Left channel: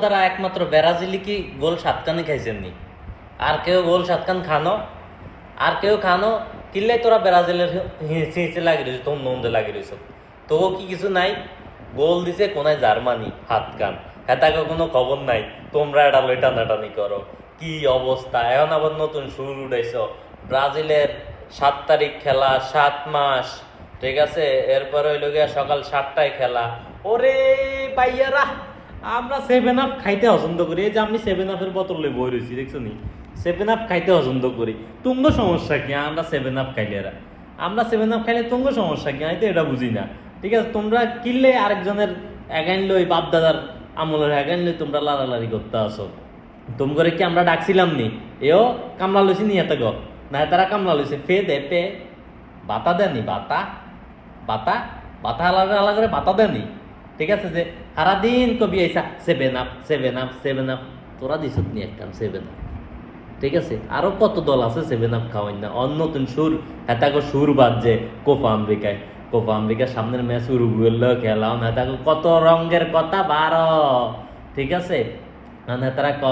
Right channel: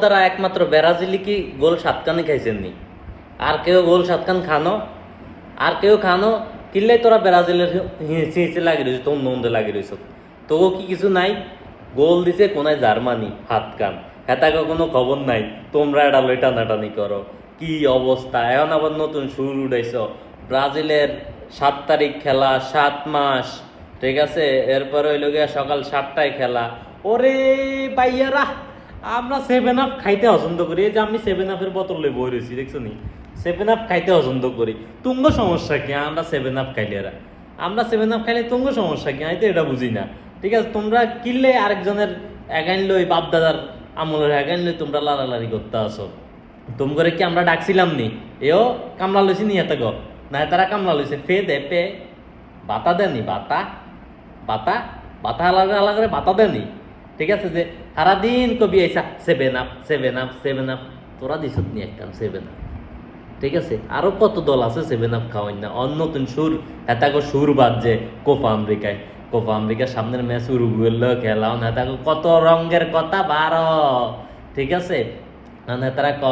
দ্বারা একমাত্র ব্রাজিলি কি গোল সাতখানি খাইছেন নি আর কেউ গোল সাতখান খানো? আর কেউ খানো? কিনলে তোরা ব্রাজিলের হিরসি লাগিয়ে দিয়েছ তোর মন্দ লাগিয়ে দিয়েছ তবুও কি কিছু নাই? গোল দিছে কোনায় জার্মানি হাত কান এটাকে কোনো খবর নাই? তোমরা এটা লই টানাটানি করো। কি অবস্থা? এখন আবার নতুন শুরু উঠেছ ব্রাজিলের সাত তারিখ খেলা, সাত মাস। ঠিক আছে? এরপরে সকাল সাতটায় খেলা। ওরে ভাইয়ারা! আমরা সেভেন আপ খাইতে পছন্দ করি। এই যে আমি সেভেন আপের বোতল লই বই রয়েছি দেখছ নি? সেভেন আপ খাইতে পছন্দ করি। তুঙ্গ সমস্যা কি? আমরা সেভেন আপ খাইলে এরা। আমরা সেভেন আপ খাইলে তুঙ্গ সমস্যা কি? আমি তো এটা বুঝি না। ঠিক আছে, তোমরা কিনলে আরেকজনের এগাইন লই বাপ দাদার আমলের এগাইন লই তোমরা লাড়ালাড়ি করতে আসো তুম করে কি আমরা ডাকছিলাম নি? এও কামলা লইছি নি এত গো? না, তারা কামলা লইছে। ফে দে পে বাতা দেনি বাতা। বাতা? বাতা আলাদা আলাদা করে বাতা দেনি ঠিক আছে? যে সারাদিন কবি এই seven up seven up seven up তোরা দিস নি একদম সেভেন আপ ঠিক আছে? আরও কত দল আছে সেভেন আপ খাওয়াই না? অন্য নতুন সুর। এটাকে সুর বাজছে কোপা আমেরিকায়, কোপা আমেরিকার সামনের ম্যাচ উরুগুয়েল খেলা না। তাকে কত রঙের কথা বারো। ঠিক আছে? তারা ক,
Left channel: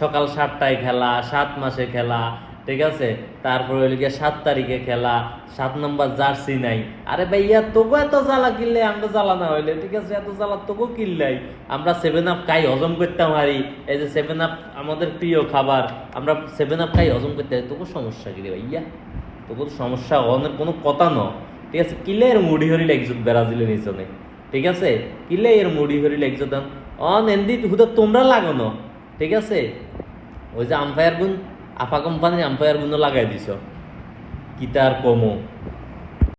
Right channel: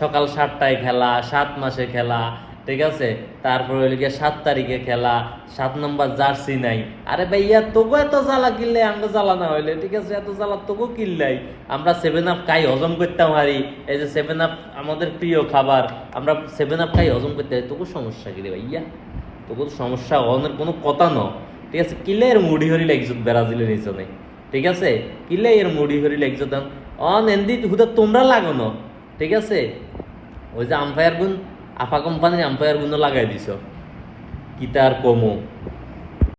সকাল সাতটায় খেলা, সাত মাসে খেলা ঠিক আছে? তারপরে হইল গিয়ে সাত তারিখে খেলা, সাত নম্বর জার্সি নাই। আরে ভাইয়া তবু এত জ্বালা কিনলে আমরা জ্বালা না হইলে, ঠিক আছে? এত জ্বালা তবু কিনলাই আমরা সেভেন আপ খাই, হজম করতে পারি। এই যে সেভেন আপ আমাদের প্রিয় খাবার, আমরা সেভেন আপ খাই, হজম করতে পারি। তবু সমস্যা কি রে ভাইয়া? তবু সমস্যা হওয়ার কোনো কথা ন। ঠিক আছে? কিলে এর মুড়ি হরি লাগছে ব্রাজিলের নিচনে ঠিক আছে? কিলে এর মুড়ি হরি লাগছে অন এন্দি হুদা, তোমরা লাগানো ঠিক আছে? ওই যে আম্পায়ার গুণ আপা কোম্পানি আম্পায়ারগুলো লাগাই দিছ। কিতার কমু?